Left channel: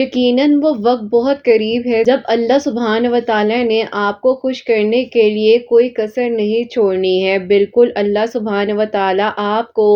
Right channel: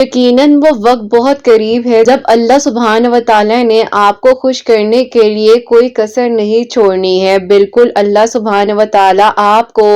یقیناً وہ وقت بہت قریب ہے جب اللہ سبحانہ و تعالیٰ نے آپ کو خوش کرنے کے لیے کوئی کسر نہیں چھوڑنی ہے۔ بالکل اللہ سبحانہ و تعالیٰ آپ کو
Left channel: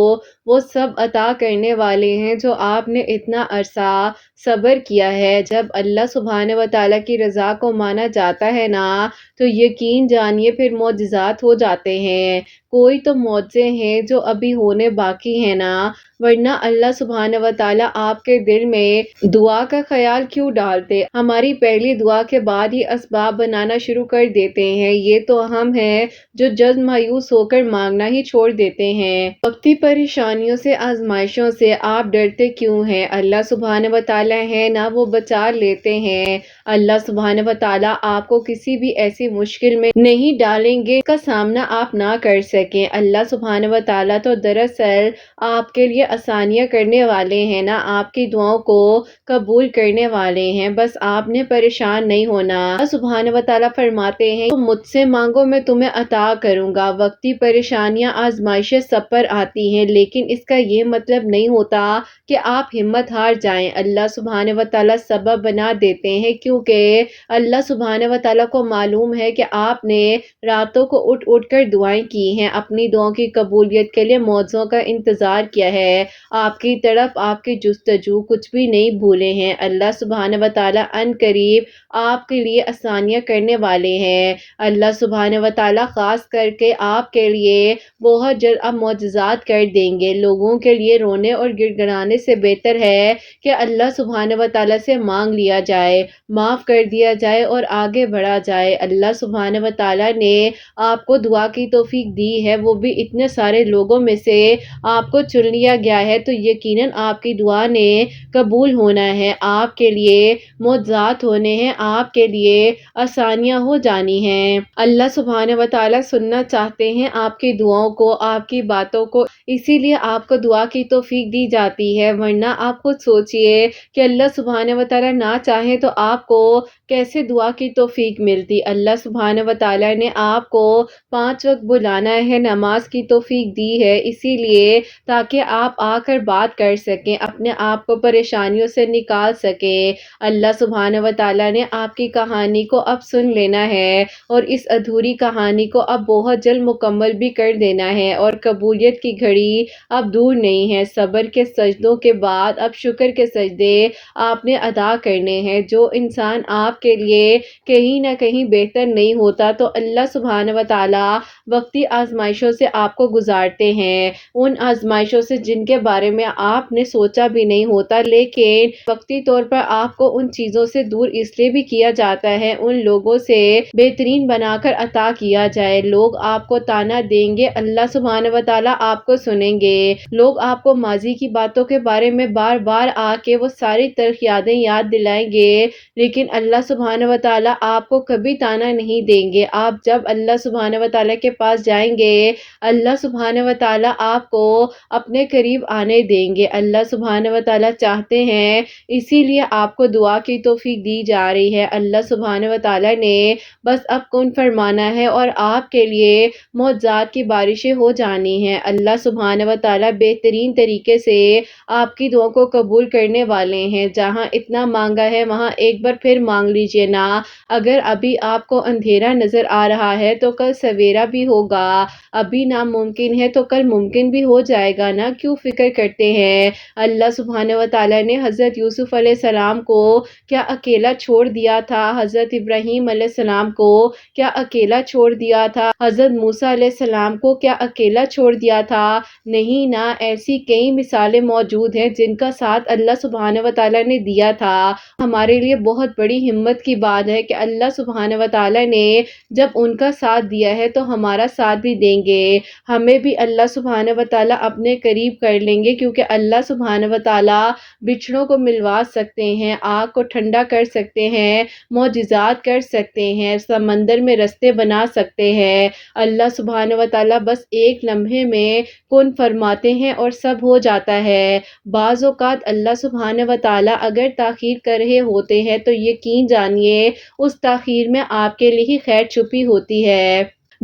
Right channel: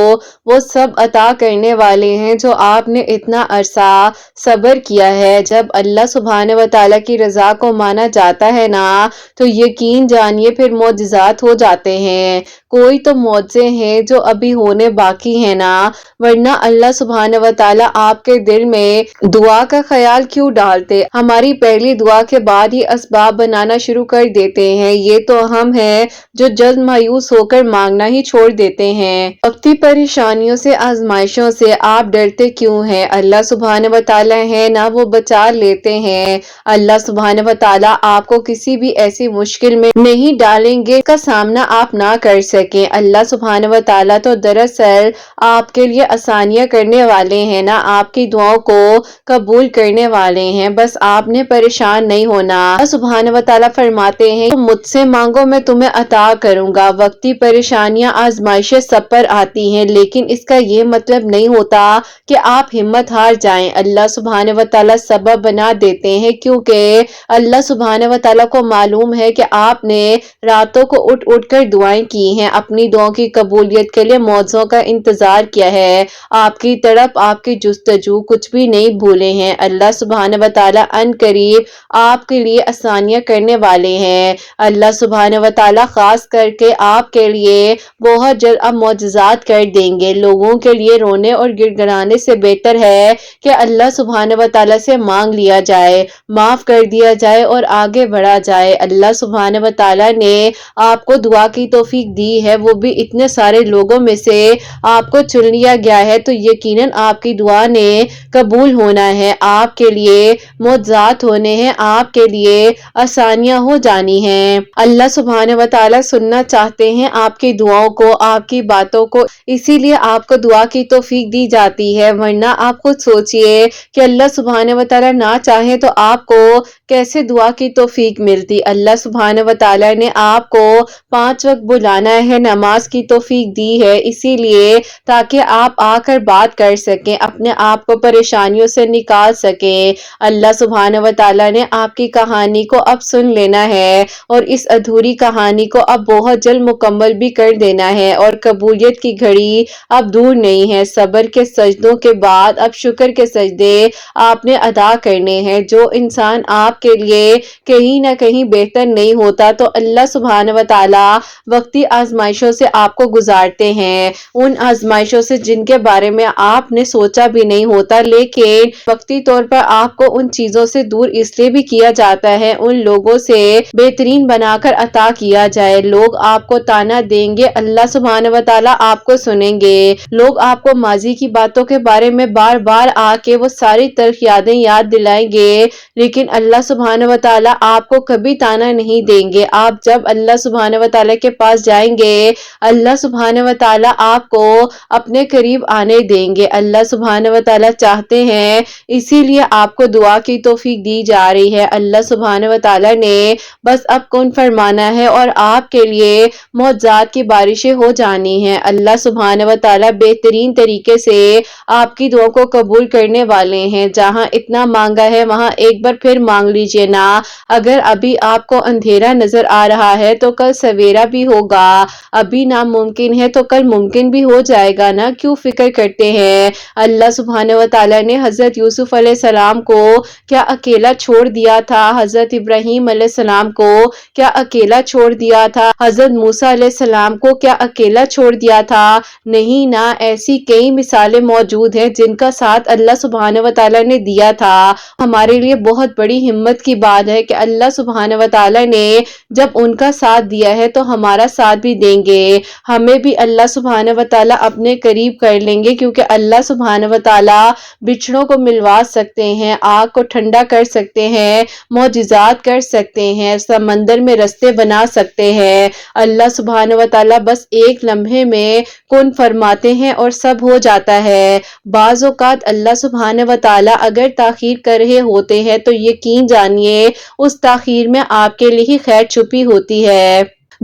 وہ سب عطا کرنے والے ہیں جو آپ نے اتنا عرصہ صبر کیا ہے۔ جب اللہ سبحانہ و تعالیٰ کی رضا کو مانا جاتا ہے نا تو یقین جانیے پھر معجزات ہو جاتے ہیں۔ کوئی تو معجزے ہیں جو ابھی ہونے باقی ہیں نا، ورنہ اللہ سبحانہ و تعالیٰ آپ کے دل میں دعا کا خیال کیوں ڈالتے؟ ہماری پہلی دعا کے بعد ہی اسباب بنانا شروع کر دیتے ہیں۔ یہ تو ہم ہیں جو جلد مایوس ہو کر مانگنا ہی چھوڑ دیتے ہیں۔ وقتی پریشانیوں سے، آزمائشوں سے آپ ڈرتے کیوں ہیں؟ اللہ سبحانہ و تعالیٰ ہے نا، وہ بچا لیتے ہیں۔ اللہ سبحانہ و تعالیٰ آپ کو کسی بھی ایسی مشکل میں نہیں ڈالیں گے کا سامنا آپ نہ کر سکیں۔ اللہ سبحانہ و تعالیٰ تو دراصل آپ کے لیے آسانیاں کرنے والے ہیں نا، آپ کی دعاؤں کو قبول کرنے والے ہیں، بس آپ نے پریشان نہیں ہونا۔ اللہ سبحانہ و تعالیٰ فرماتے ہیں تم مجھ سے مانگو میں تمہیں عطا کروں گا۔ وقتی پریشانیاں، آزمائشیں سب پر آتی ہیں، لیکن اس کا یہ مطلب نہیں ہوتا کہ آپ ہمت ہار جائیں۔ اللہ سبحانہ و تعالیٰ سبب بنا دیتے ہیں، کیونکہ اللہ سبحانہ و تعالیٰ کو معلوم ہے کہ آپ نے راتوں کو اٹھ اٹھ کر دعائیں کی ہیں، اپنی دعاؤں کی قبولیت کے لیے معجزوں کا انتظار کیا ہے، آپ کی طرف آپ کی جستجو کچھ بھی نہیں بھولے ہیں۔ اللہ سبحانہ و تعالیٰ ان قریب آپ کے لیے آسانیاں کرنے والے ہیں۔ اللہ سبحانہ و تعالیٰ خاص کر کے آپ کے لیے بہت جلد اب معجزات کر دیں گے۔ لوگوں کے لیے رونے اور گڑ گڑانے سے بہتر ہے کہ اللہ سبحانہ و تعالیٰ سے مانگ لیا جائے، معاف کر دیا جائے اور آگے بڑھا جائے۔ اللہ سبحانہ و تعالیٰ نے آپ کو دعا کی توفیق دی ہے، وہ بھی اتنے سارے لوگوں میں سے آپ کو چن لیا گیا ہے، تو یقیناً آپ کی دعا نے قبول ہونا ہے، آپ کے لیے معجزات ہونے ہیں، آپ کے لیے آسانیاں ہو جانی ہیں۔ اللہ سبحانہ و تعالیٰ سننا چاہتے ہیں آپ کی دعاؤں کو، آپ کی باتوں کو، اسی لیے آپ کو دعا کی توفیق دی جاتی ہے، ورنہ آپ خود سوچئے کہ اللہ سبحانہ و تعالیٰ نہ چاہے تو آپ کو کیسے دعا کی توفیق ملتی۔ اللہ سبحانہ و تعالیٰ نے آپ کو 5 وقت بلانا ہے، نماز کی توفیق دی ہے، اسی لیے تاکہ آپ آ کر بات کر سکیں، اپنے آپ کو پریشانیوں سے نکال سکیں۔ اللہ سبحانہ و تعالیٰ نے آپ کی کہانی کو اب سن لینا ہے اور اس ادھوری کہانی کو اب بہت جلد مکمل بھی کر دینا ہے، اور قبولیت کی گھڑی اب دور نہیں ہے۔ صبر کے سجدوں کے بعد اب شکر کے سجدے آپ نے ادا کرنے ہیں۔ جو انسان آپ کے لیے کہیں نہ کہیں بہتر نہیں ہوتا تو اللہ سبحانہ و تعالیٰ وقتی آزمائشوں سے آپ کو گزارتے ہیں، ان آزمائشوں سے جن کے بارے میں آپ نے سوچا بھی نہیں ہوتا، لیکن وقتی طور پر آپ کو ان چیزوں سے دور اس لیے بھی کیا جاتا ہے، ان لوگوں سے بہترین بنا کر عطا کیا جائے۔ لوگ آپ کو تانا دیں گے، اللہ سبحانہ و تعالیٰ آپ کو سنیں گے۔ لوگ آپ کو ماضی کی باتوں کے بارے میں بار بار آ کے وہ ساری تلخ یادیں یاد دلائیں گے، لیکن اللہ سبحانہ و تعالیٰ آپ کو کبھی تانا نہیں دیں گے۔ آپ جب اللہ سبحانہ و تعالیٰ کے پاس جائیں گے، اللہ سبحانہ و تعالیٰ آپ کو اپنے قریب آنے دیں گے۔ اللہ سبحانہ و تعالیٰ چاہتے ہیں، اسی لیے آپ کو دعا کی توفیق دی جا رہی ہے۔ اللہ سبحانہ و تعالیٰ نے بس اب کن فرمانا ہے اور آپ کے لیے معجزات کی بارشیں ہو جانی ہیں۔ اللہ سبحانہ و تعالیٰ بہترین طریقے سے آپ کی دعا کو قبول کرنے والے ہیں۔ جہاں اتنا مانگا ہے وہاں ایک بار پھر مانگ لیجئے نا۔ اگر ابھی آپ کو اندھیرا نظر آ رہا ہے تو کل سویرا بھی ہوگا، ابھی ناممکن ہے تو کل ممکن بھی ہو جائے گا نا، کیوں فکر کرتے ہیں؟ اللہ سبحانہ و تعالیٰ نے حضرت یوسف علیہ السلام کو کیا اکیلا چھوڑ دیا تھا؟ حضرت ابراہیم علیہ السلام کو کیا اکیلا چھوڑ دیا تھا؟ حضرت موسیٰ علیہ السلام کو کیا اکیلا چھوڑ دیا تھا؟ نہیں نا، ایسی کئی مثالیں موجود ہیں جن کا ساتھ اللہ سبحانہ و تعالیٰ نے دیا تھا۔ ہمارے لیے بہت بڑی ہمت کی بات ہے کہ اللہ سبحانہ و تعالیٰ نے جب ان کا ساتھ دیا ہے تو ہمارا ساتھ بھی دیں گے، ہمیں بھی اللہ سبحانہ و تعالیٰ اپنے قریب کر لیں گے، کیونکہ اللہ سبحانہ و تعالیٰ بچھڑوں کو ملوا سکتے ہیں، آگ کو ٹھنڈا کر سکتے ہیں، معجزات کر سکتے ہیں، سمندر میں رستے بنا سکتے ہیں۔ اللہ سبحانہ و تعالیٰ بس ایک لمحے میں کن فرماتے ہیں اور سب ہو جاتا ہے۔ بعض اوقات اللہ سبحانہ و تعالیٰ اگر تاخیر کر رہے ہوتے ہیں تو یقین جانیے اس تاخیر میں آپ کے لیے ہی خیر چھپی ہوتی ہے۔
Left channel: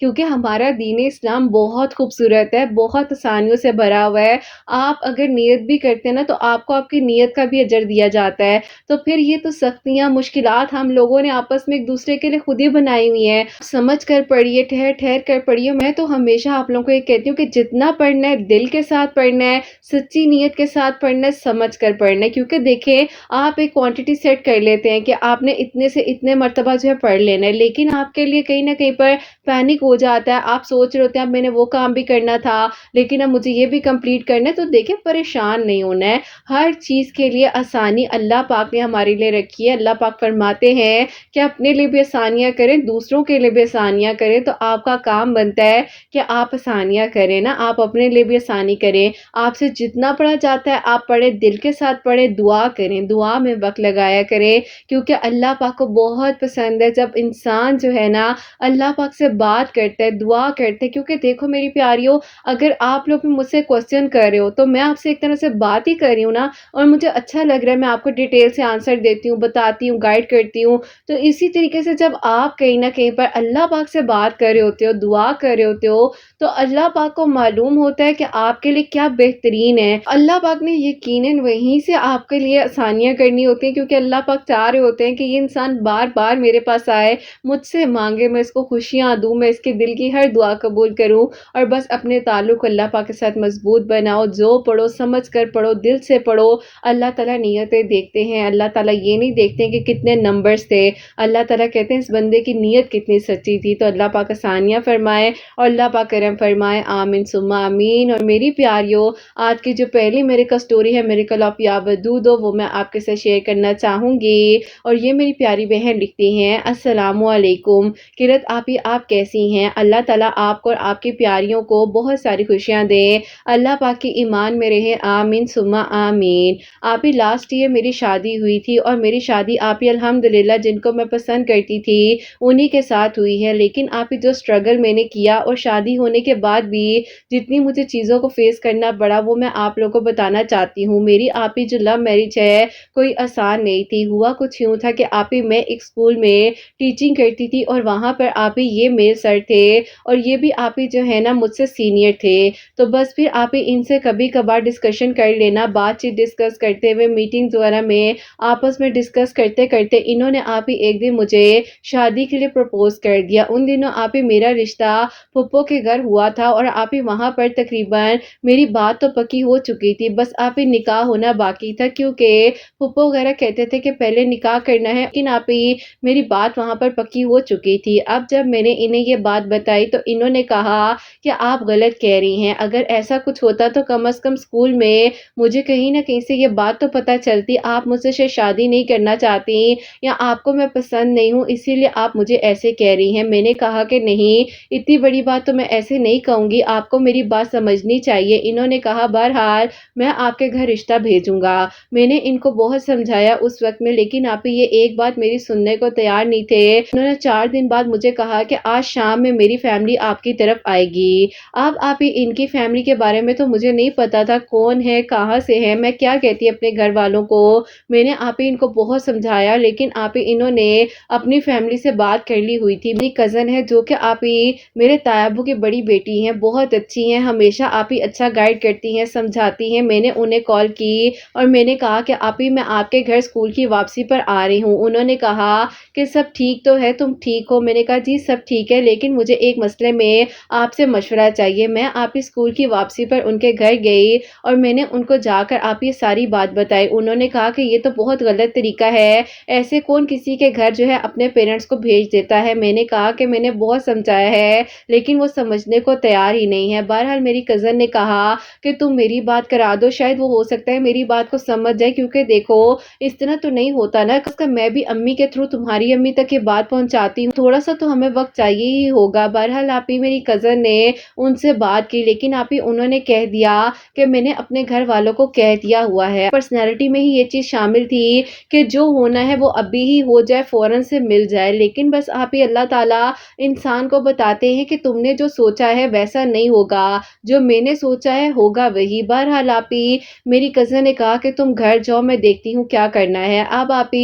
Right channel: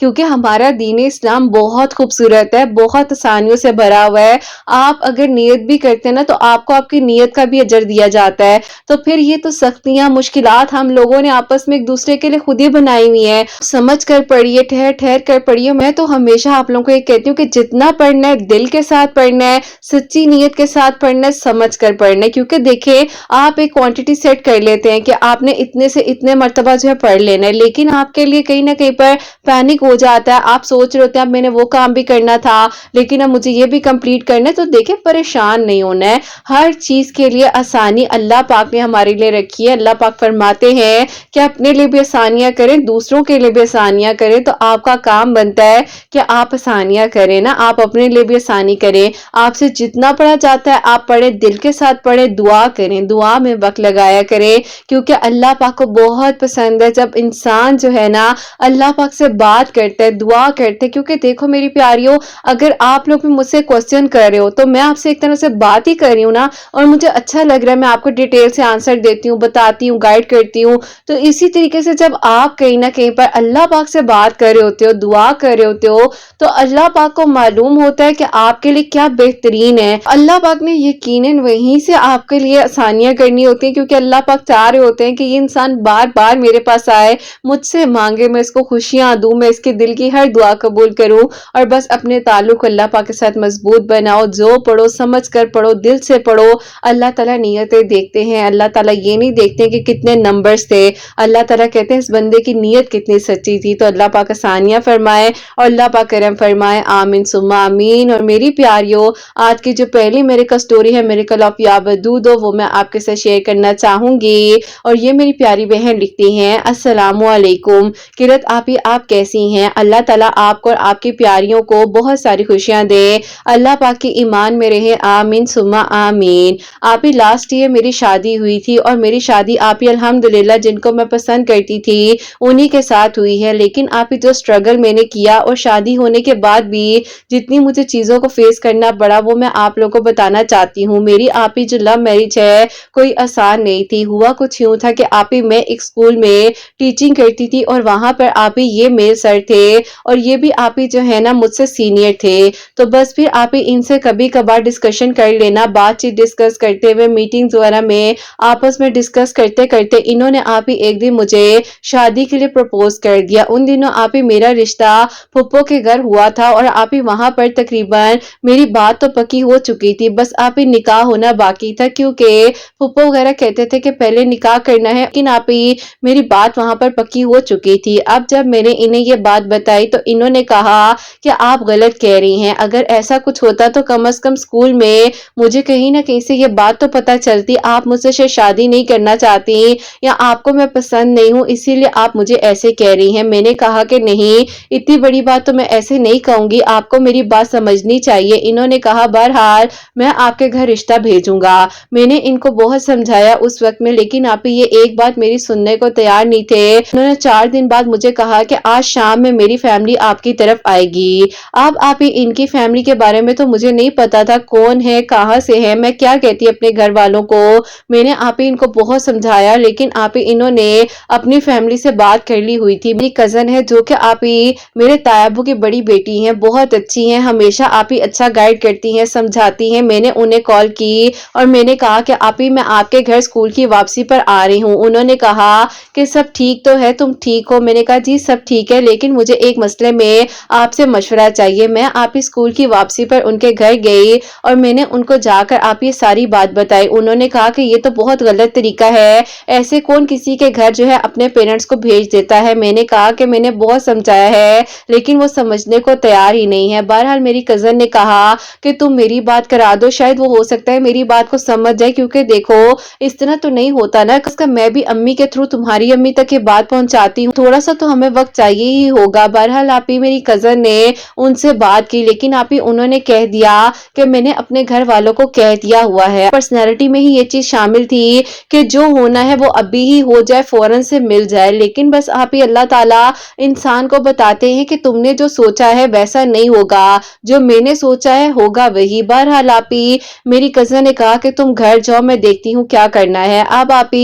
کیونکہ ہمارا دین اسلام بہت خوبصورت ہے، بہت آسانیوں سے بھرا ہوا ہے۔ آپ اگر نیت بھی کرتے ہیں نا تو آپ کو آپ کی نیت کا بھی اجر دیا جاتا ہے۔ تو پھر یہ تو سختیاں، مشکلات ہم لوگوں نے آپس میں ایک دوسرے کے لیے خود ہی بنائی ہوئی ہیں، سمجھ کر پڑھیے، ٹھہر ٹھہر کر پڑھیے۔ میں تو ہمیشہ آپ لوگوں کو یہ کہتی ہوں کہ جتنا پڑھنا ہے دل کے ساتھ پڑھنا ہے، سچی نیت کے ساتھ پڑھنا ہے، سمجھ کر پڑھنا ہے، کیونکہ دیکھیں آپ ایک کوانٹٹی سیٹ کر لیتے ہیں کہ آپ نے اتنے سے اتنے مرتبہ جو ہے پڑھ لینا ہے، لیکن آپ کے لیے کہیں نہ کہیں پر پینک ہو جاتا ہے، آپ سوچ رہے ہوتے ہیں اب میں نے وہ کام بھی کرنا تھا لیکن اب مجھے یہ بھی کمپلیٹ کرنا ہے۔ تو دیکھیں پریشان نہیں ہونا ہے، ہر چیز کے لیے آسانی اللہ پاک نے ہمارے لیے رکھی ہے۔ اللہ پاک فرماتے ہیں کہ اپنے لیے بھی آسانیاں کریں، دوسروں کے لیے بھی آسانیاں کریں، تو آپ کا کام بنتا ہے کہ آپ آسانیاں کریں نا، آپ اپنے لیے بھی آسانی کریں۔ آپ سے جتنا پڑھا جاتا ہے آپ پڑھیں، دل کے ساتھ پڑھیں، دعا کریں، دعا میں وقت لگایا کریں، کیونکہ اللہ پاک کو بہت پسند ہے جب انسان جو ہے نا اللہ پاک سے بات کرتا ہے، دعا کرتے ہیں۔ کیونکہ دیکھو میری پیاریوں، اگر آپ لوگ بھی مجھ سے کوسچن کر رہے ہو تو میں آپ سے ایک طرح سے بات ہی کر رہی ہوں نا، اور مجھے اچھا لگ رہا ہے، میں آپ کو ڈیٹیل سے آنسر دیتی ہوں، بتاتی ہوں، گائیڈ کرتی ہوں۔ تو اسی طریقے سے جب آپ کہیں نہ کہیں پر اللہ پاک سے بات کر رہے ہوتے ہو، دعا کر رہے ہوتے ہو، تو اللہ پاک کو معلوم ہوتا ہے کہ آپ کے لیے کیا بہترین ہے۔ اللہ پاک نے یقیناً وہیں سے آپ کے لیے آسانیاں کرنی ہوتی ہیں، کیونکہ اللہ پاک چاہ رہے ہوتے ہیں کہ یہ انسان بار بار میرے پاس آئے، مجھ سے مانگے، میں اس کو خوشیاں دوں، میں اس کے دل کی ہر دعا قبول کروں، اور بس اپنے تعلق اللہ پاک کے ساتھ مضبوط بناؤ۔ جو پڑھو سمجھ کر پڑھو، دل سے پڑھو۔ اللہ تعالیٰ نیتیں دیکھتے ہیں، اللہ تعالیٰ یہ نہیں دیکھتے کہ کتنے نمبرز تھے، اللہ تعالیٰ کہتے ہیں اس بندے کی نیت کتنی سچی تھی۔ تو اللہ پاک آسانیاں فرمائے اور اللہ پاک کرم فرمائے، آمین ثم آمین۔ اور میری پیاریوں، آج کی جو پہلی میرے کا سٹوری ہے میریکل آف یا ودود، وہ میں آپ کے ساتھ شیئر کرنا چاہوں گی۔ اور یہ میری پیاری بہن لکھتی ہیں، السلام علیکم قرت آپی، آپ کیسی ہیں؟ اللہ تعالیٰ آپ کو اور آپ کی پیاریوں کو بہت ساری خوشیاں دے، اللہ پاک کی ایمان میں رہے، آمین ثم آمین۔ آپی لاسٹ ایئر میری شادی ہوئی تھی، اور میری شادی آپی الحمدللہ جن کو میں پسند کرتی تھی انہی کے ساتھ ہوئی ہے، لیکن آپی جو سٹرگل میں نے کیا اور شادی ہونے کے بعد بھی جتنی مجھے چیزوں کو فیس کرنا پڑا وہ میں آپ لوگوں کو بتانا چاہتی ہوں۔ میری آپی جو لو میرج ہے کوئی آسان نہیں تھی، ہوا کچھ یوں تھا کہ آپی میں ایک اسکول میں ٹیچنگ کرتی تھی، اور وہاں پر آپی یہ میل سر تھے، اور یہ بھی آپی جو ہے نا مجھ سے سینئر تھے، تو بس پھر آپی ان سے کبھی کبھار ڈسکشن کر لینا، بات چیت ڈسکس کرتے ہوئے میٹنگز وغیرہ میں آپس میں ڈسکس کرتے کرتے انہوں نے آپی ایک دن مجھے شادی کے لیے پرپوز کر دیا۔ ان دنوں آپی میرا رشتہ پھپھو کے گھر ہوا تھا، اور آپی وہاں پر تقریباً میری بات تو پکی ہو چکی تھی، بس آپی نکاح ہونا باقی تھا، کیونکہ پھپھو وغیرہ کہتے تھے کہ پہلے نکاح کرنا ہے، لیکن آپی میری بات وہاں پر پکی ہو چکی تھی۔ اب جب میں نے انہیں یہ بات بتائی تو انہوں نے کہا کہ آپ غلط کہہ رہی ہیں، اگر ایسا کچھ ہوتا تو کم از کم اسکول میں مجھے کہیں نہ کہیں سے یہ بات تو پتہ چلتی، آپ مجھ سے شادی نہیں کرنا چاہتی یا آپ کو میں پسند نہیں ہوں اسی لیے آپ مجھے ایسے کہہ رہی ہیں۔ میں نے کہا کہ نہیں، اتنی بڑی بات تو میں ایسے نہیں کہوں گی، آپ کو میری بات سمجھنی چاہیے۔ انہوں نے کہا بہرحال میں آپ کے گھر رشتہ بھیجوں گا۔ میں نے ان کو بہت سمجھایا اس وقت میں، لیکن آپ یہ ایک بات میری سننے کو تیار نہیں تھے۔ انہوں نے 4 دن بعد مجھے کہا کہ آج شام میں میری فیملی آپ کی طرف آئے گی۔ اب آپ ان کی فیملی کے بارے میں تو مجھے نہیں پتا تھا کون ہے، کہاں سے ہے، میں کیا کہتی اپنے گھر والوں کو۔ میں نے آپ ان کو بہت سمجھایا، لیکن آپ انہوں نے اپنی فیملی سے بات کر لی ہوئی تھی۔ میری کزن ہے جو کہ آپ میرے تایابو کی بڑی بیٹی ہیں، بہت اچھی ہیں، ہمیشہ آپ اچھا گائیڈ کرتی ہیں، سمجھاتی ہیں۔ میں نے انہیں کال کی اور میں نے کہا کہ آپ میں آپ کے گھر اسکول کی واپسی پر آ رہی ہوں۔ انہوں نے کہا کہ سب ٹھیک تو ہے، تم ٹھیک ہو؟ میں نے کہا جی سب ٹھیک ہے، لیکن مجھے ایک مسئلے میں آپ سے مشورہ چاہیے۔ میں آپ اسکول کی واپسی پر ان کے گھر گئی اور میں نے ان کو جا کر آپ یہ ساری بات بتائی۔ انہوں نے کہا کہ یہ تو بہت غلط طریقہ ہے، ایسے کون کسی کے گھر جو ہے اپنے پیرنٹس کو بھیج دیتا ہے۔ میں نے کہا کہ میں نے بہت سمجھایا ہے لیکن وہ سمجھنے کو تیار ہی نہیں ہے۔ بہرحال میری کزن نے کہا کہ تم میری بات کرا دو، شاید وہ ہو سکتا ہے میری بات کو سمجھ جائے، کیونکہ دیکھو اس طرح تو نہیں ہوتا نا، اس کا میں بھی امی کے تھرو تمہاری امی تک یہ بات پہنچاتی ہوں، تھوڑا سا تو ہمیں وقت چاہیے ہی ہوگا۔ بہرحال آپ میری کزن نے ان سے بات کی، لیکن آپ انہوں نے کہہ دیا کہ میں نے اپنے گھر والوں کو کہہ دیا ہوا ہے۔ پرسنالٹی میں ہی یہ چیز شامل تھی کہ جو ہونا ہے وہ ابھی ہی ہو جائے، فوراً سے مل جائے، لیکن بس آپ اللہ تعالیٰ انسان کو بتاتے ہیں کہ تم نے جو سوچا ہے ویسا نہیں ہوگا، جو میں نے سوچا ہے ہوگا وہی۔ بہرحال آپ میری کزن نے کہا کہ تم گھر جاؤ، میں دیکھتی ہوں کیا کرنا ہے۔ اب آپ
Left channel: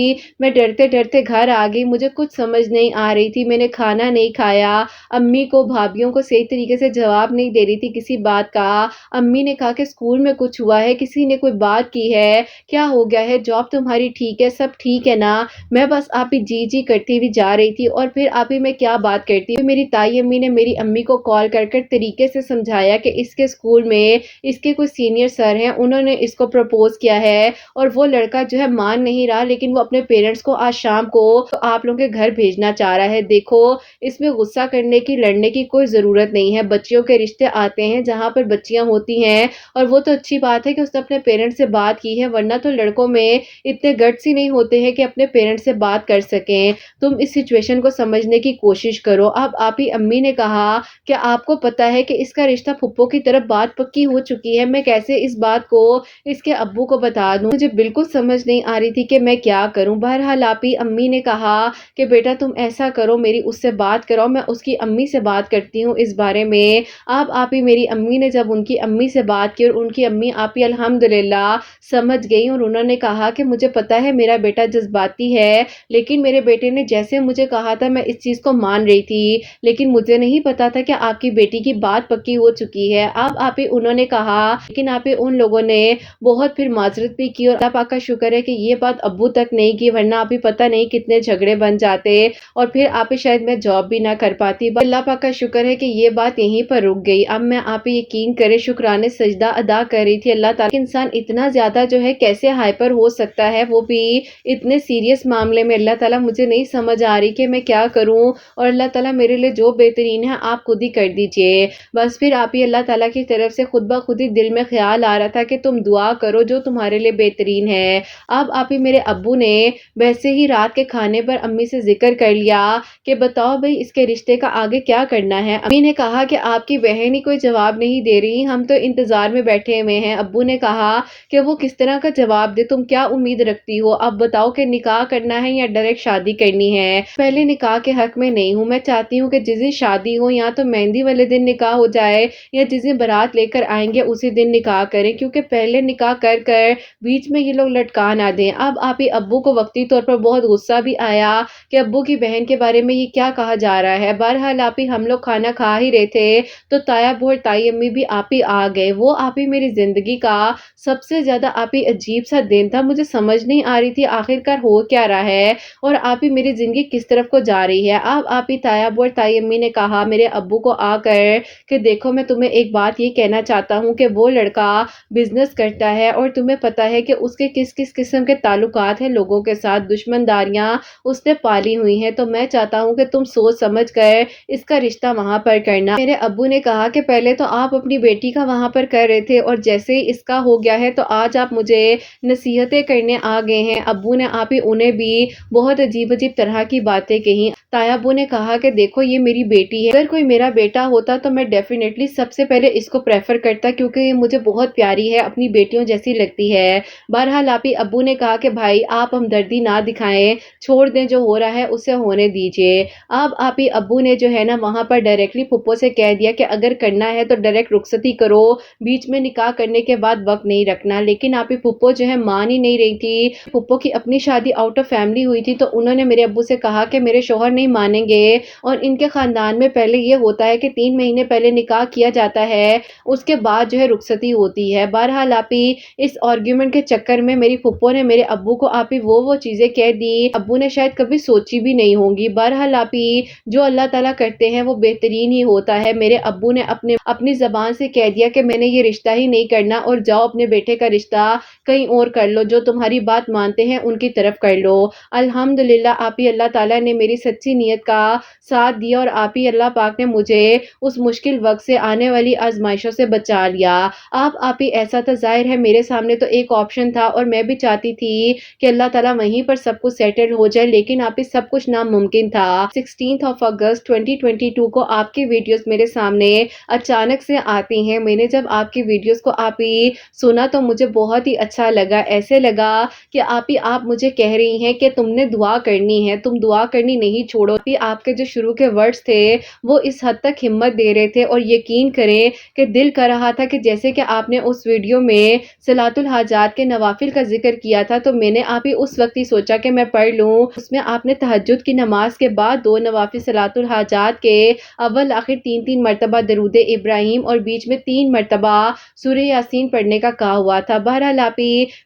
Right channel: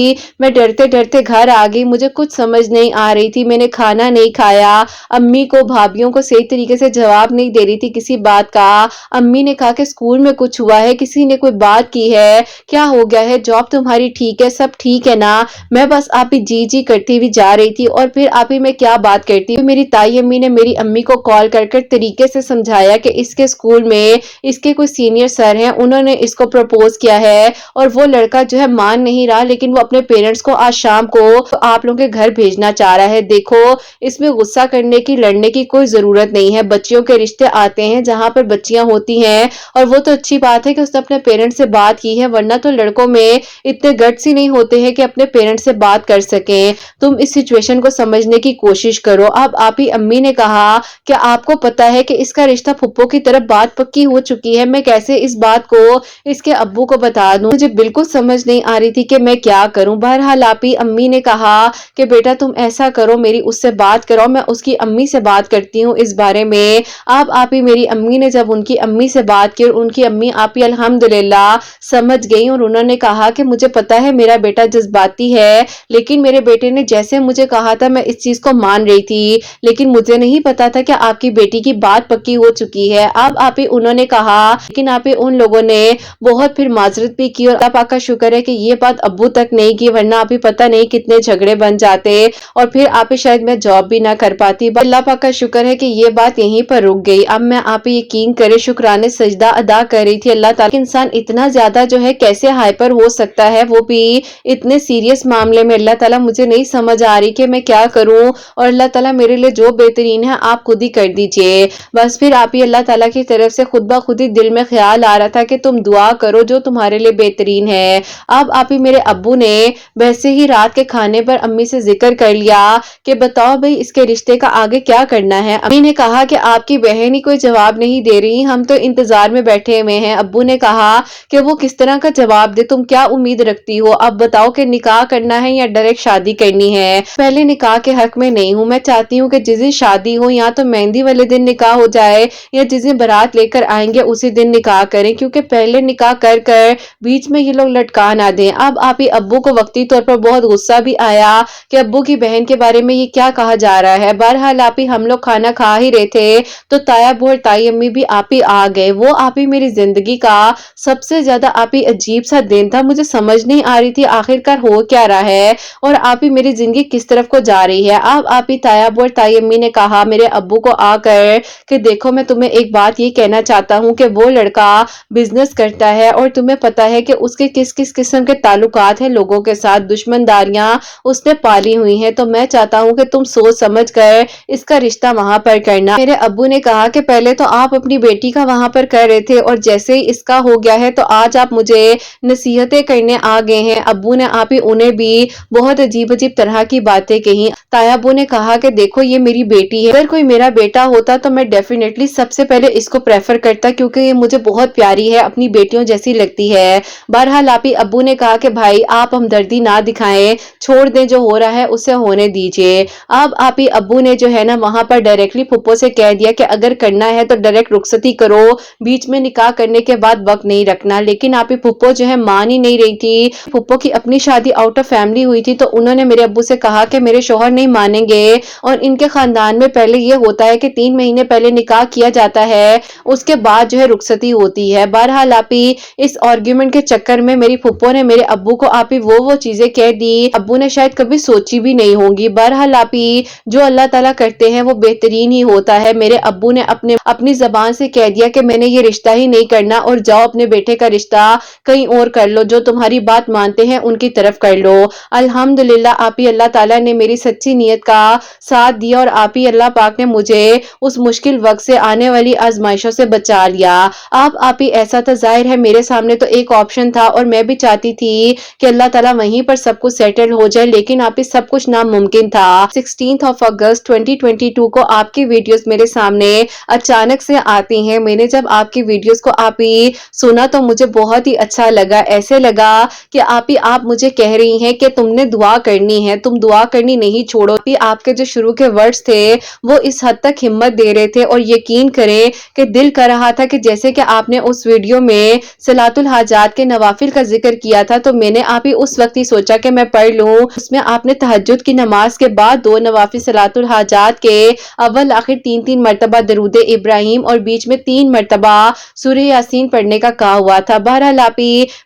میں ڈرتے ڈرتے گھر آ گئی، مجھے کچھ سمجھ نہیں آ رہی تھی، میں نے کھانا نہیں کھایا امی کو بھابھیوں کو صحیح طریقے سے جواب نہیں دے رہی تھی کسی بات کا. امی نے کہا کہ اسکول میں کچھ ہوا ہے, کسی نے کوئی بات کی ہے, کیا ہو گیا ہے, جاب تمہاری ٹھیک ہے, سب ٹھیک ہے نا. میں بس آپ ہی جی جی کرتی ہوئی جا رہی تھی اور پھر آپ ہی میں کیا بات کرتی. میری تائی امی نے میری امی کو کال کر کر طریقے سے سمجھایا کہ اس کے اسکول میں اس کے کوئی سینئر سر ہیں, انہوں نے اس کو پرپوز کیا ہے اور وہ لڑکا جو ہے مان نہیں رہا, لیکن وہ اپنے پیرنٹس کو آج شام کو آپ لوگوں کے گھر بھیجنا چاہ رہا ہے. دیکھو اس میں غصہ کرنے کی, لڑنے کی کوئی ضرورت نہیں ہے. بچیوں کے رشتے آتے ہیں جہاں پر بچیاں ہوتی ہیں, اور وہ تو اچھی بات ہے کہ اس نے اپنے پیرنٹس سے بات کی ہے, ورنہ تو لڑکوں میں اتنے گٹس ہی نہیں ہوتے ہیں کہ اپنے پیرنٹس سے بات کر سکیں. تم اس سچویشن کو سمجھنے کی کوشش کرو. اب آپ ہی امی نے کہا کہ آپ کو پتا ہے کہ اس کا رشتہ پھپھو کی طرف بات پکی ہو چکی ہے, میں کیسے اس بات کو اس کے ابو کو بتا دوں. مجھے بالکل سمجھ نہیں آ رہی تھی کہ میں کیا کروں. بہرحال آپ ہی امی نے کہا کہ بیٹا تم ایسا کرو, میری اس سے بات کرو, میں اس کی امی سے بات کرتی ہوں اس بارے میں. اب آپ ہی میری امی نے جب ان کی امی سے بات کی, اور ان کی امی آپ ہی الحمدللہ سمجھ گئی, اور انہوں نے کہا کہ مجھے پتا ہے میرا بیٹا جذباتی ہے, لیکن میرے بیٹے نے جیسے مجھے کہا تھا میں اس چیز کو مان رہی تھی, لیکن مجھے نہیں پتا تھا کہ آپ کی بیٹی کی بات پکی ہو چکی ہے. اب آپ ہی انہوں نے کہا, لیکن آپ ہی ان لوگوں نے بہت پھر معذرت بھی کی, اور اللہ پاک کا شکر ہے کہ یہ بات ابو تک نہیں کی, ورنہ آپ ہی پتہ نہیں کتنے جھگڑے بن جاتے, اور پھر آپ ہی شاید میں جاب بھی نہ کر پاتی. اللہ پاک کا شکر ہے کہ یہ بات یہیں پر رک گئی. اب میں آپ ہی یقین کرے شکرانے سجدہ ادا کر رہی تھی اللہ تعالیٰ. انسان اتنا زیادہ جو ہے کیسے ہائپر ہو سکتا ہے, وہ بھی اتنے سیریس معاملے میں. اللہ تعالیٰ مجھے نہیں سمجھ آ رہی کہ میں کیا کروں, اور اللہ تعالیٰ میرے لیے جو بہترین ہے آپ خود ہی کر دیجئے. بس پھر آپ ہی اللہ تعالیٰ کی طرف سے خود بخود ہی دل میں خیال آ رہا تھا کہ تم دعا کرو جو تمہارے لیے بہترین ہے. اب آپ ہی میرے ابو نے ویسے ہی رات کے کھانے پر امی سے ذکر کر لیا کہ بتاؤ بھئی اس کے رشتے کا آگے کیا کرنا ہے. امی نے کہا کہ آپ کی بہن ہی کوئی جواب نہیں دے رہی, ہم تو انتظار میں بیٹھے ہوئے ہیں. ابو نے کہا کہ وہ کس طرح کا جواب دے, تم کیا امید رکھتی ہو, اب بتاؤ کہ نکاح کرنا ہے یا ڈائریکٹ شادی کرنی ہے. پہلے نکاح کے حق میں نہیں ہوں, میں چاہتی ہوں کہ جس دن شادی ہو یا تو مہندی والے دن نکاح ہو جائے, یا جس دن بارات لے کر آئیں گے اسی دن نکاح کریں, کیونکہ پہلے نکاح کر کر بیچ میں یہ لوگ لٹکا نہ دیں. اب آپ ہی ابو کو وقتی طور پر بہت غصہ بھی آیا کہ ابو کی بہن کے بارے میں یہ کیا کہا جا رہا ہے. بہرحال آپ ہی ہم لوگ کھانا کھا ہی رہے تھے تو تایا ابو اور تائی امی بھی آپ ہی آ گئے. وہ آپ ہی میری زندگی کا سب سے زیادہ آپ ہی عجیب سا دن تھا. مجھے سمجھ نہیں آ رہی تھی آخر کار ہو کیا رہا ہے, اور آپ ہی میری زندگی کس طرف کو جا رہی ہے. اب آپ ہی تایا ابو اور تائی امی نے کہا میرے ابو کو آ کر کہ دیکھو میں تمہیں ایک بات یہ کہنا چاہتا ہوں کہ وہ لڑکا بزنس کرتا ہے, اور تمہیں پتا ہے کہ اس کے کس کس قسم کے تعلقات ہیں لوگوں کے ساتھ, دشمنداریاں اس نے پالی ہوئی ہیں. تو میں چاہتا ہوں کہ تم سوچ سمجھ کر اس کا رشتہ وہاں پر کرنا. میرے ابو نے کہا کہ پہلے تو آپ اپنی بیٹی کا وہاں پر کر رہے تھے, اور جیسے ہی اس کا ہو گیا ہے تو آج آپ مجھے نصیحتیں کرنے آ گئے ہیں. ابو نے آپ ہی انہیں بھی بہت عجیب عجیب طرح کی باتیں کہی. تایا ابو نے کہا کہ دیکھو یہ میری بیٹی ہے, اگر کوئی میرا بیٹا ہوتا تو میں ڈیفینیٹلی سب سے پہلے اس کو پریفر کرتا, کیونکہ یہ مجھے بہت پیاری ہے, اپنی بیٹیوں جیسی لگتی ہے. بہرحال آپ ہی ابو نے کہا کہ بھائی آپ ہمدردی نہ دکھائیں, چھوڑ دیں, جو ہو رہا ہے اسے ہونے دیجئے. اب آپ ہی ابو نے جو ہے نا وہاں پر ڈائریکٹلی پھپھو سے کہہ دیا کہ اگر کرنا ہے تو ڈائریکٹ رخصتی کرو, بیچ میں نکاح کرنے کے بعد وقت نہیں رکھنا. لیکن آپ ہی پھپھو جو ہے مان ہی نہیں رہی تھی. پھپھو کی اپنی شادی آؤٹ آف فیملی ہوئی تھی, تو انہوں نے میرے ابو سے کہا کہ میرے شوہر نہیں مانیں گے, اور ان کے خاندان میں پہلے یہ ہوتا ہے کہ 3 مہینے پہلے نکاح کیا جاتا ہے, اس کے بعد جو ہے رخصتی ہوتی ہے. بہرحال آپ ہی اس آرگیومنٹ کے چکر میں میری پھپھو نے میرے ابو کو آپ ہی وہ چیزیں کہہ دی ابو نے شاید کبھی سوچی بھی نہیں ہوں گی. بہرحال آپ ہی جو اللہ تعالیٰ کرتے ہیں وہ بہترین ہی ہوتا ہے. میرے ابو نے اپنی زبان سے کہہ دیا کہ میں نے یہ رشتہ ہی نہیں کرنا, اور جاؤ اپنے بیٹے کا رشتہ کہیں اور کر لو, جو تمہاری بات مانتے ہیں ان کی طرف کر لو. الحمدللہ آپ ہی اللہ تعالیٰ نے میری سچی نیت کا ساتھ دیا, اور آپ ہی اللہ پاک نے مجھے اس مشکل وقت سے آنے والی آزمائشوں سے بچا لیا. آپ ہی ایسا تو ظاہر ہے میرے سامنے تو ایک آپشن تھا, اور میں بھی چاہتی تھی کہ اللہ تعالیٰ وہیں پر سب کچھ سیٹل ہو جائے, لیکن آپ ہی سب کچھ ناممکن تھا. 16 اگست 2022 کو آپ کی ویڈیوز میرے سامنے اچانک سے آتی ہیں. میں نے جب آپ کی ویڈیوز کو آپ ہی سنا تو مجھے بہت ہی اچھا لگا. ایسے لگا کہ آپ مجھے کہہ رہی ہیں کہ تم نے دعا کرنی ہے, تم دعا کرنی نہیں چھوڑو. آپ کے جو شروع کے ورڈز تھے وہ اس حد تک ہمت دے رہے تھے, اور یقین کریں کہ دل کر رہا تھا کہ جیسے کہ آپ نے اس ویڈیو میں صلاۃ الحاجات کے نوافل کا ذکر کیا تھا, تو میں نے آپ ہی اس وقت ہی سوچا کہ میں پڑھ لوں. اس میں آپ نے تہجد کی نماز کے بعد 2 نوافل صلاۃ الحاجات کے اول آخر 3 مرتبہ درود ابراہیم اور بیچ میں 3 مرتبہ سورہ یاسین پڑھنے کا کہا ہوا تھا۔ بہرحال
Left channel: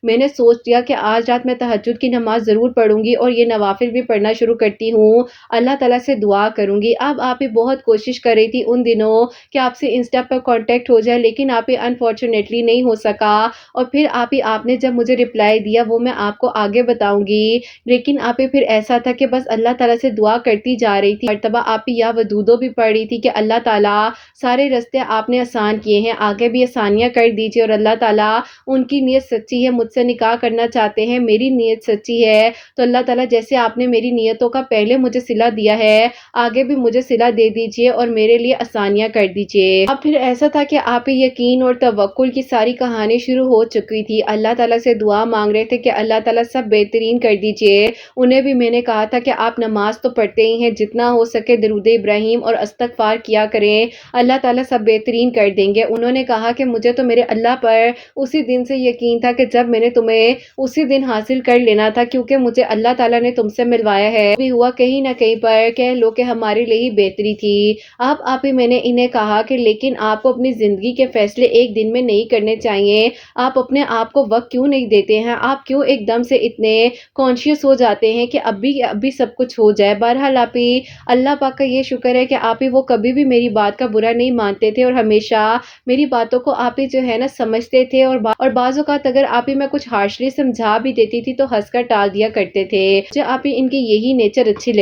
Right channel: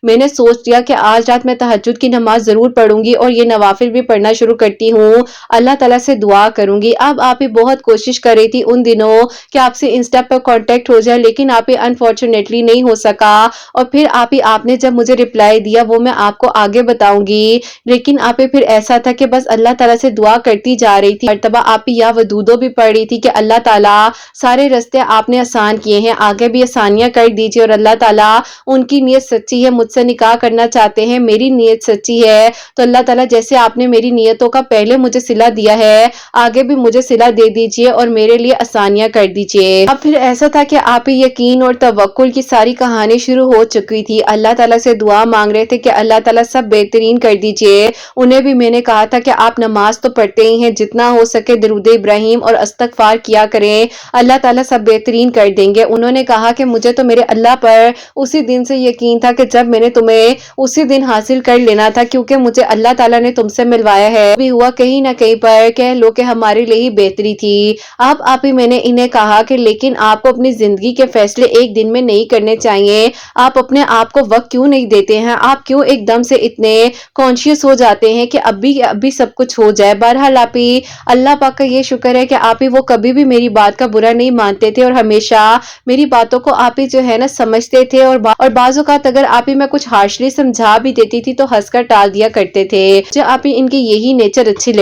میں نے سوچ لیا کہ آج رات میں تہجد کی نماز ضرور پڑھوں گی اور یہ نوافل بھی پڑھنا شروع کرتی ہوں، اللہ تعالیٰ سے دعا کروں گی۔ اب آپ ہی بہت کوشش کر رہی تھی ان دنوں کہ آپ سے انسٹا پر کانٹیکٹ ہو جائے، لیکن آپ ہی انفارچونیٹلی نہیں ہو سکا، اور پھر آپ نے جب مجھے رپلائی دیا وہ میں آپ کو آگے بتاؤں گی، لیکن آپ پھر ایسا تھا کہ بس اللہ تعالیٰ سے دعا کرتی جا رہی تھی۔ مرتبہ آپ یا ودودو بھی پڑھ رہی تھی کہ اللہ تعالیٰ سارے راستے آپ نے آسان کیے ہیں، آگے بھی آسانیاں کر دیجیے، اور اللہ تعالیٰ ان کی نیت سچی ہے، مجھ سے نکاح کرنا چاہتے ہیں، میری نیت سچی ہے، تو اللہ تعالیٰ جیسے آپ نے میری نیتوں کا پہلے مجھے صلہ دیا ہے، آگے بھی مجھے صلہ دے دیجیے اور میرے لیے آسانیاں کر دیجیے۔ اب پھر ایسا تھا کہ آپ یقین اور توکل کی ساری کہانی شروع ہو چکی تھی، اللہ تعالیٰ سے دعا مانگ رہے تھے کہ اللہ تعالیٰ سب بہترین کر دیجیے۔ انہیں بھی میں نے کہا تھا کہ آپ نماز تو پڑھتے ہی ہیں، جتنا ہو سکے درود ابراہیم اور استغفار کیا کریں، اللہ تعالیٰ سب بہترین کر دیں گے۔ انہوں نے کہا کہ مجھے تو میرے اللہ پر اسی دن سے یقین تھا کہ جب میں نے تمہیں اسی دن حاصل کر لینا تھا، کیونکہ مجھے اللہ تعالیٰ نے تم سے ملوایا ہے، بھی ہوا کہیں نہ کہیں پر کہہ لو کہ ہمارے لیے ہی بہتری تھی۔ اب آپ ہی میں نے انہیں کہا کہ لیکن آپ کو اپنی زندگی کے فیصلے ایک دن میں نہیں کرنے چاہیے، آپ اپنے آپ کو وقت کیوں نہیں دیتے ہیں، آپ کیوں ایک دم سے اتنے کانشیس ہو جاتے ہیں کہ ابھی سب کچھ ہو جائے۔ بہرحال آپ ہی اللہ پاک کا یہ شکر ہے کہ آپ ہی وہ کبھی بھی میری بات کا برا نہیں مانتے تھے، اور ہمیشہ میری باتوں کو آپ ہی جو ہے نا سمجھتے تھے، اور بعض اوقات اگر آپ ہی میں کچھ ہارشلی سمجھا بھی دیتی تھی تو ہنس کر ٹال دیا کرتے تھے۔ جو آپ ہی ان کی یہی نیچر اچھی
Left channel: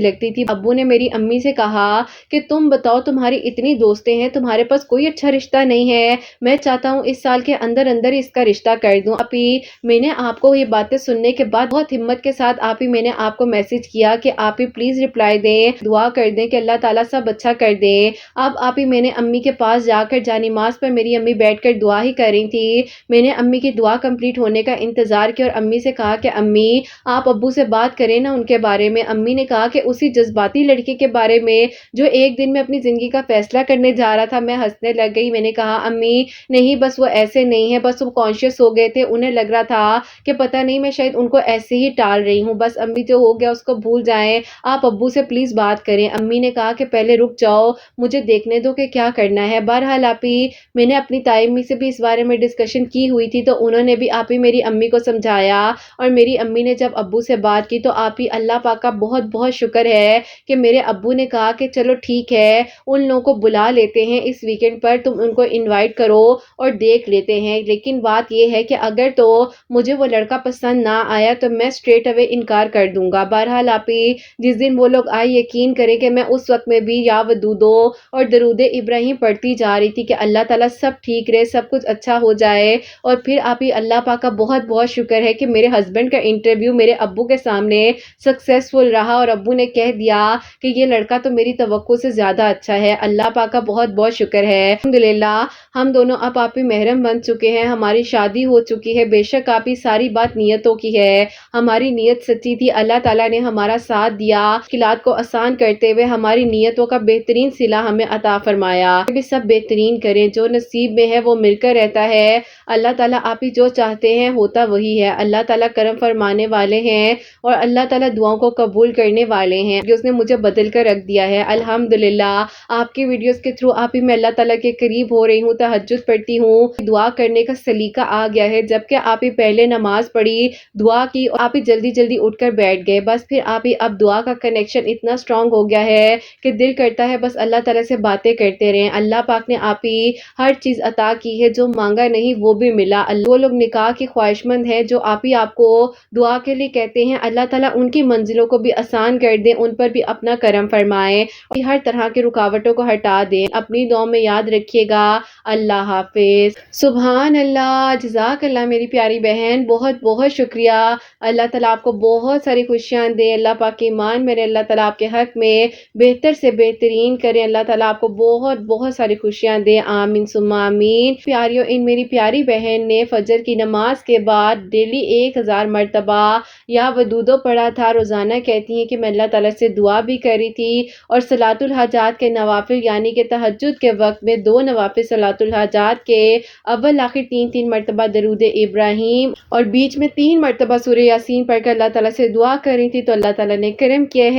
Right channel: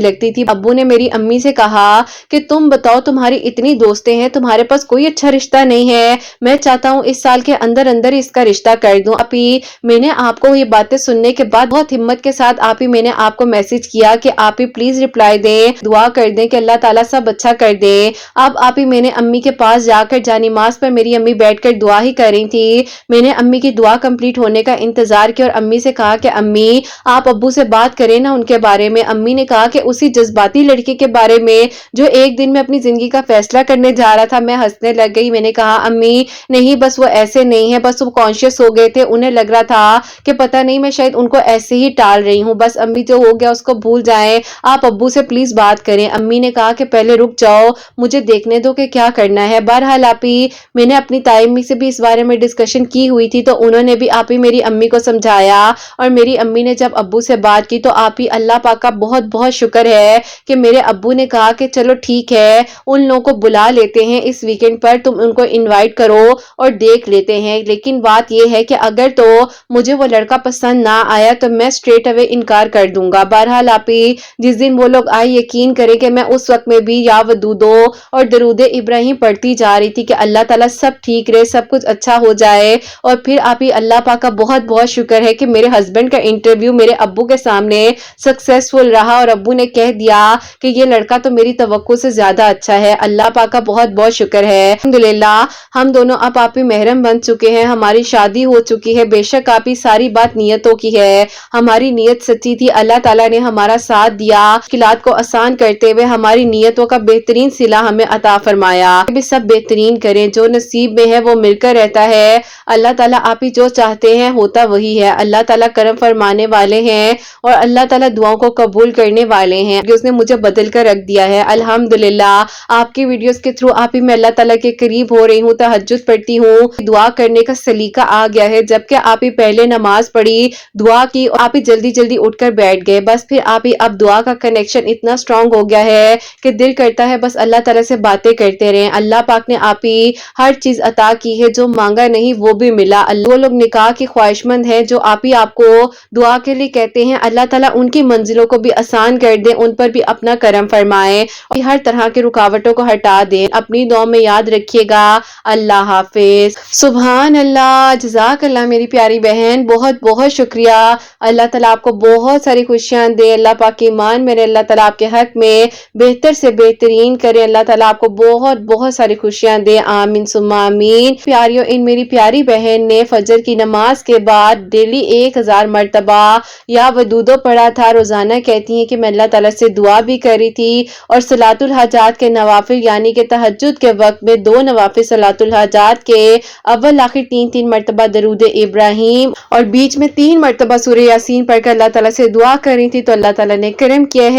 لگتی تھی۔ ابو نے میری امی سے کہا کہ تم بتاؤ تمہاری اتنی دوستیں ہیں، تمہارے پاس کوئی اچھا رشتہ نہیں ہے، میں چاہتا ہوں اس سال کے اندر اس کا رشتہ کر دوں۔ آپ ہی میں نے آپ کو یہ باتیں سننے کے بعد بہت ہمت کے ساتھ میں نے آپ کو میسج کیا کہ آپ ہی پلیز رپلائی دیں، دعا کر دیں کہ اللہ تعالیٰ سب اچھا کر دے۔ اب آپ ہی میں نے امی کے پاس جا کر جانماز پر میری امی بیٹھ کر دعا ہی کر رہی تھی، میں نے امی کی دعا کمپلیٹ ہونے کا انتظار کیا اور امی سے کہا کہ امی آپ ابو سے بات کریں نا ان کے بارے میں۔ امی نے کہا کہ اسی جذباتی لڑکی کے بارے میں جو ایک دن میں اپنی زندگی کا فیصلہ کرنے جا رہا تھا۔ میں ہنسنے لگ گئی، میں نے کہا امی نہیں، بس وہ ایسے نہیں ہے، بس وہ کانشیس ہو گئے تھے، انہیں لگ رہا تھا کہ پتہ نہیں میں شاید ان کو ایسے ہی ٹال رہی ہوں، بس امی جو ہو گیا اس کو بھول جائیں، آپ ابو سے پلیز بات کریں۔ امی نے کہا کہ پہلے رک جاؤ، مجھے دیکھنے دو کہ کیا کرنا ہے۔ بہرحال میں نے اپنی تائی امی سے بھی اس بارے میں ڈسکشن کی ہوئی تھی، تو انہوں نے بھی میری امی کو سمجھایا، اور میری امی نے جب ابو سے بات کی تو اللہ پاک کا بہت بہت شکر ہے کہ میرے ابو نے کہا کہ چلو ٹھیک ہے، ان لوگوں کو بلا لیتے ہیں اس ویکنڈ پر، تم ان کو انوائٹ کرو اور دیکھ لیتے ہیں، لیکن بات یہ ہے کہ اگر تو مجھے وہ لڑکا پسند نہ آیا تو میں اسٹریٹ اوے انکار کر دوں گا۔ بہرحال جس دن وہ لوگ آئے، یقین کریں کہ میں اس وقت میں بھی یا ودودو اور درود ابراہیم پڑھتی جا رہی تھی کہ اللہ تعالیٰ سب ٹھیک رہے، سب کچھ اچھا ہو جائے، اور پھر اللہ پاک کا بہت بہت شکر ہے کہ میرے ہسبینڈ کا انٹرویو میرے ابو کے سامنے سکسیسفل رہا، اور ابو نے کہہ دیا کہ یہ لڑکا تو میری توقع سے زیادہ اچھا ہے۔ اللہ پاک کا بہت بہت شکر ہے، الحمدللہ ہم دونوں اب محرم بن چکے ہیں، ہماری شادی ہو چکی ہے۔ بے شک ساری بات نیتوں کی ہے، ہماری نیت سچی تھی، اللہ تعالیٰ نے ہمارا ساتھ دیا، مشکلات کو آسان کرتے ہوئے ہماری نیتوں کا بہترین صلہ ہمیں عطا فرمایا۔ بھی سب بہترین کریں، جو نصیب میں ہے وہ مل کر رہتا ہے، اللہ تعالیٰ آپ ہی جو چاہتے ہیں ہوتا وہی ہے، اللہ تعالیٰ کرم فرمانے والے ہیں، اور اللہ تعالیٰ دعاؤں کو قبول کرنے والے ہیں، کہ اس نے مجھے بدل کر رکھ دیا ہے۔ الحمدللہ آپ کی ویڈیوز کے تھرو میں اللہ تعالیٰ کے قریب ہو رہی ہوں، تہجد پڑھتی ہوں، دعا کرنے کا سلیقہ آ گیا ہے، جبکہ پہلے نماز پڑھی، دعا کی، اور جلدی جلدی اٹھ کر بیٹھ گئے، بس پھر اب دعا کا کنیکشن اتنا اسٹرانگ ہو گیا ہے کہ دل کرتا ہے بس اللہ تعالیٰ سے باتیں کرتے رہیں۔ اللہ پاک نے ہر چیز عطا کی ہے، جو مانگا نہیں وہ بھی ملا۔ وہ لوگ نکاح کی خواہش مند ہیں جو آپ کو دعا کے لیے کہتے ہیں، اللہ تعالیٰ ان کی منزلوں کو بھی آسان کر دیں، ان پر بھی اپنا کرم فرمائے، اور ہر طرح کی رکاوٹوں کو ہٹا دیں۔ اپنی دعا میں یاد رکھیے گا۔ اللہ حافظ۔ سبحان اللہ، جزاک اللہ میری پیاری بہن، بہت بہت شکریہ۔ اللہ تعالیٰ آپ کو بہت ساری خوشیاں دے، اللہ پاک ایمان میرے، اللہ تعالیٰ آپ کے حق میں بہتر سے بہترین کرے، اللہ تعالیٰ آپ کو بہت بہت ساری خوشیاں دے، آمین ثم آمین۔ پیاریوں، میری پیاری بہن نے فجر کی نماز کے بعد ڈیلی 1000 مرتبہ یا ودودو پڑھا تھا۔ روزانہ کہتی ہیں کہ میں اللہ تعالیٰ سے دعا بھی کر رہی تھی، اور صلاۃ الحاجات کے نوافل یعنی کہ تہجد کے وقت میں 2 نوافل صلاۃ الحاجات کے اول آخر 3 مرتبہ درود ابراہیم اور بیچ میں 3 مرتبہ سورہ یاسین پڑھ کر اللہ تعالیٰ سے دعا کر رہی تھی، تو اللہ تعالیٰ نے کرم کیا ہے،